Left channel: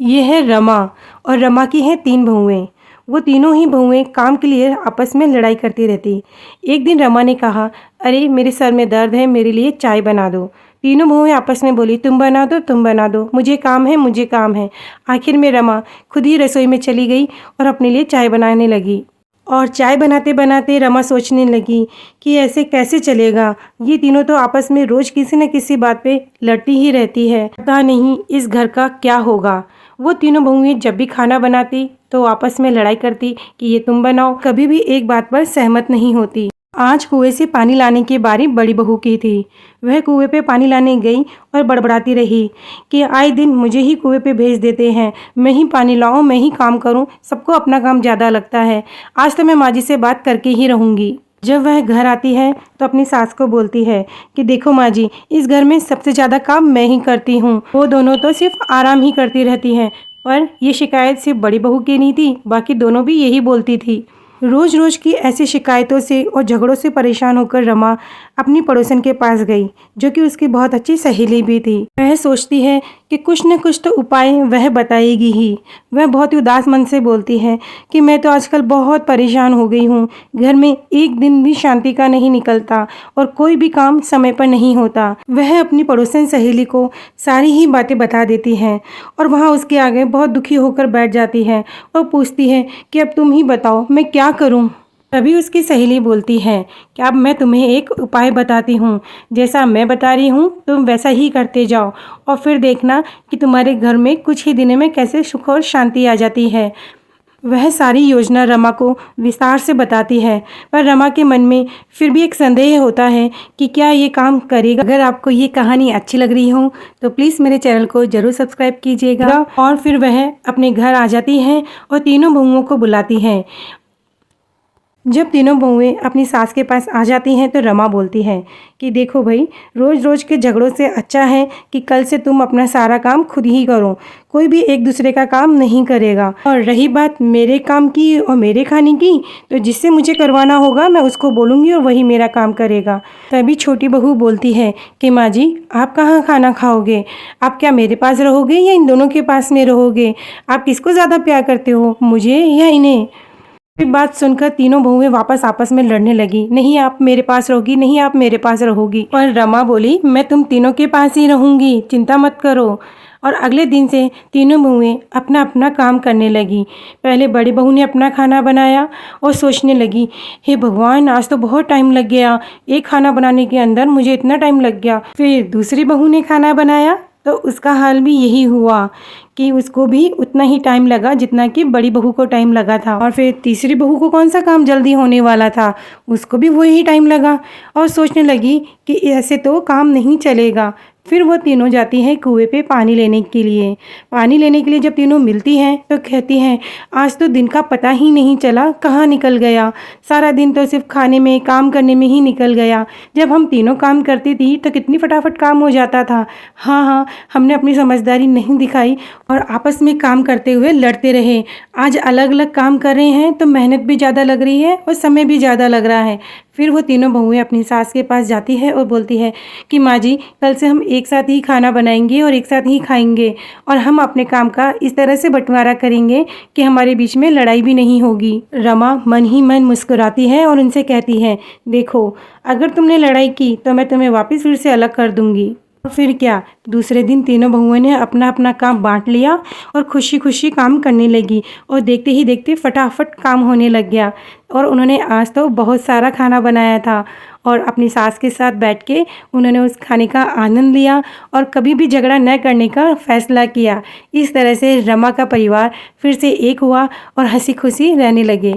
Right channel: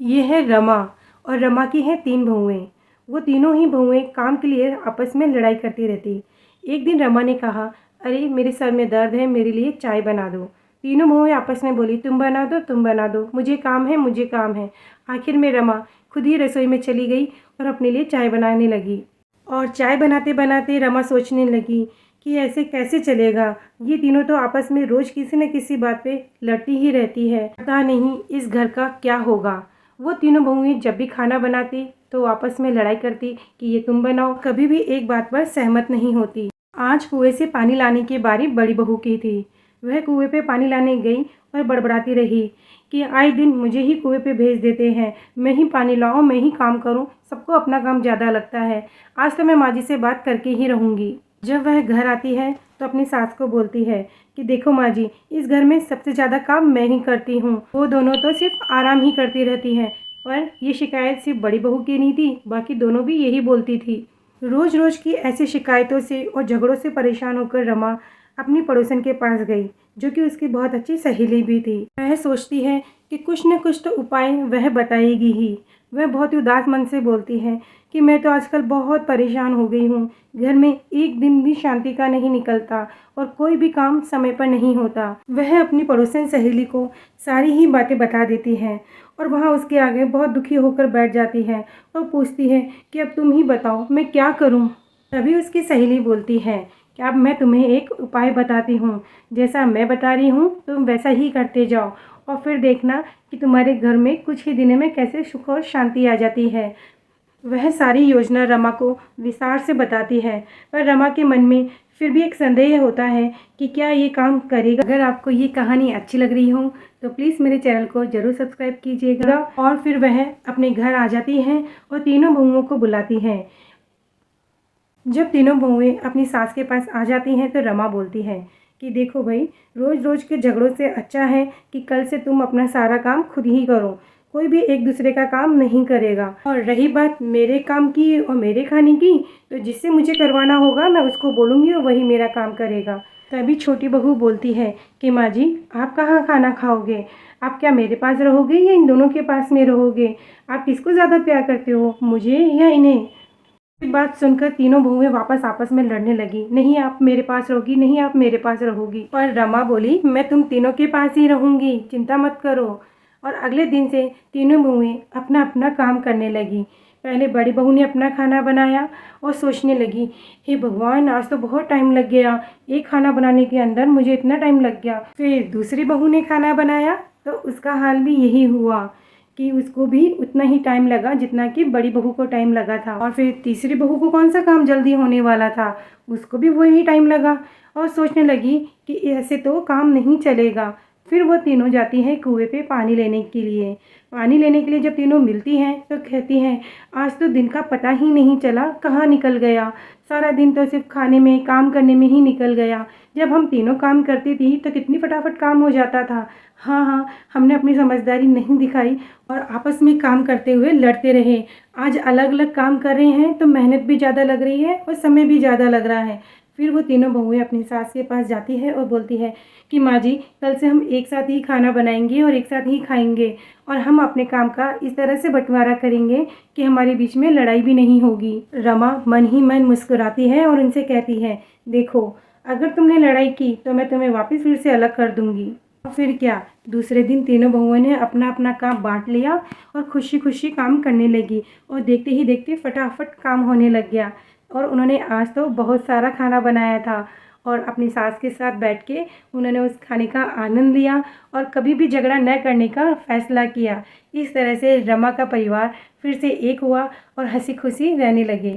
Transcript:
ये है रमा और रमा की हैं 3 बहुएँ। वो तीनों ही बहुएँ काम के लिए आपस में लड़ाई करती रहती। एक दिन रमा ने कहा, अरे मेरे सर में दर्द है, मेरे लिए चाय बना दो। तीनों बहुएँ आपस में बोली, तुम बना दो, तुम बना दो, मुझे काम है, मुझे काम है। आखिर में रमा खुद ही रसोई में चली गई और अपने लिए चाय बनाने लगी। और चाय बनाते-बनाते रमा सोचने लगी कि ऐसे कैसे चलेगा? ये तीनों तो आपस में रोज़ किसी न किसी बात पे लड़ती ही रहती है। पता नहीं इस घर का क्या होगा? वो तीनों बहुएँ जब भी खाना बनाती तो आपस में लड़ाई करती कि ये तुम बनाओ, कभी भी एक बात पर सहमत नहीं होती। आज कुएं से पानी लाने की बारी बड़ी बहू की थी। वह कुएं पे पानी लाने गई और बड़बड़ाती रही कि आए दिन मुझे ही कुएं पे भेज देते हैं, मैं ही पानी लाऊं, मैं ही काम करूं, सबको अपना काम ज़्यादा लगता है। आज तो मैं माँ जी से बात करके ही रहूंगी। जब वह घर आती है तो अपनी सास को बोलती है कि देखो माँ जी, इस घर में सबसे ज़्यादा काम मैं ही करती हूँ, वो दोनों तो सिर्फ आराम ही करती रहती हैं। पर ये शिकायत सिर्फ बड़ी बहू की नहीं थी, बाकी दोनों भी यही बोलती थी। रोज़ रोज़ की ऐसी शिकायतों से और झगड़ों से परेशान होकर रमा अपनी पड़ोसन के पास गई, जो कि उसकी बहुत अच्छी सहेली भी थी। वह सोचती है कि कुछ न कुछ तो उपाय वह बताएगी ही। वह बहुत ही उदास मन से बोलती है कि मैं तो आजकल बहुत परेशान हो गई हूँ। घर में एक दिन भी शांति का नहीं निकलता और कोई भी काम समय पर नहीं होता। वह अपनी पड़ोसन सहेली को सारी ही बातें बता देती है और वहाँ उसके आगे बहुत दुखी होकर बैठ जाती है और पूछती है कि अब तुम ही बताओ मैं क्या करूँ। तभी उसकी सहेली बोलती है कि अब मैं तुम्हें एक उपाय बताती हूँ, जैसा मैं बता रही हूँ तुम वैसा ही करते जाओ और फिर देखना कि तुम्हारे घर में कुछ ही दिनों में कैसे सुख और शांति आ जाती है। वह सारी योजना रमा को विस्तार से बताती है, पर रमा के मन में फिर भी एक संदेह होता है कि क्या ये काम करेगा। अगर आपको ये कहानी अच्छी लग रही हो तो प्लीज़ मेरे चैनल को ज़रूर सब्सक्राइब कीजिएगा। और फिर वह अपने घर आ जाती हैं और तीनों बहुओं को बुलाती हैं। जब तीनों बहुएं अपनी सास के पास आ जाती हैं तो रमा बोलती है कि देखो भाई, रोज़ रोज़ के झगड़ों से अच्छा है कि कल से तुम अपना सारा काम खुद ही करो, कोई भी एक दूसरे का काम नहीं करेगा। और रही बात मेरे काम की और मेरे खाने की, तो जिससे मुझे करवाना होगा मैं उसको बोलूँगी और वही मेरा काम करेगा। तभी छोटी बहू बोलती है कि माँ जी, आप कहाँ खाना खाओगे? आप क्या मेरे पास रहोगे या इन दोनों के पास में रहोगे? आप किसको ज़्यादा प्यार करते हो, मुझे या इन्हें? ये बात सुनकर तीनों बहुएं वापस आपस में लड़ने लगी। नहीं आप मेरे पास रहोगी, नहीं आप मेरे पास रहोगी। और रमा बोली, मैं तुम तीनों के पास ही रहूंगी, चिंता मत करो। और अगले दिन से तीनों बहुएं अपना अपना काम करने लगी। पहले बड़ी बहू ने अपना खाना बनाया और सोचने लगी, हे भगवान, आज तो बहुत टाइम लग गया, एक खाना बनाने के अंदर मुझे इतना टाइम लग गया। फिर दूसरी बहू ने खाना बनाया तो उसका हाल भी यही हुआ कि उसको भी उतना ही टाइम लगा जितना कि बड़ी बहू को टाइम लगा था। और फिर तीसरी बहू को कौन सा काम जल्दी होने वाला था, उसको भी वही टाइम लगा और सोचने लगी कि ऐसे तो काम नहीं चलेगा। फिर वो तीनों जाती हैं कुएं पे पानी लेने के लिए। पानी लेने के लिए जब तीनों मिलती हैं तो कहती हैं, आज तो दिन का पता ही नहीं चला कहाँ निकल गया, सारा दिन तो सिर्फ खाने में काम करने में ही निकल गया। जब हम तीनों काम करती थी तो कितनी फटाफट काम हो जाता था। हाँ हाँ, हमने अपनी समझदारी नहीं दिखाई और आपस में काम करते हुए लड़ते रहे। आज अलग अलग काम कर रहे हैं तो मेहनत भी ज़्यादा लग रही है और समय भी ज़्यादा लग रहा है। फिर वो तीनों बहुएं अपनी सास के पास जाती है और बोलती है कि माँ जी, कल से हम एक साथ ही खाना बनाएंगे और एक साथ ही खाएंगे और हम अपने काम का इस तरह से बंटवारा करेंगे कि हमारे बीच में लड़ाई भी नहीं होगी। रमा मन ही मन मुस्कुराती है और उनसे कहती है, देखो, अगर तुमने लड़ाई की तो मैं तुम्हें वापस फिर से अलग कर दूंगी। और फिर क्या, दूसरे दिन तीनों बहुओं ने अपना अपना काम बांट लिया और खुशी खुशी काम करने लगी और देखते ही देखते फटाफट काम होने लग गया। और उन्होंने आज तो बहुत सारा खाना बनाया था और अपनी सास के साथ बैठ के उन्होंने उस खाने का आनंद लिया और कभी भी झगड़ा न करने का फैसला किया। इस तरह से रमा का परिवार फिर से एक हुआ और हंसी खुशी रहने लगे।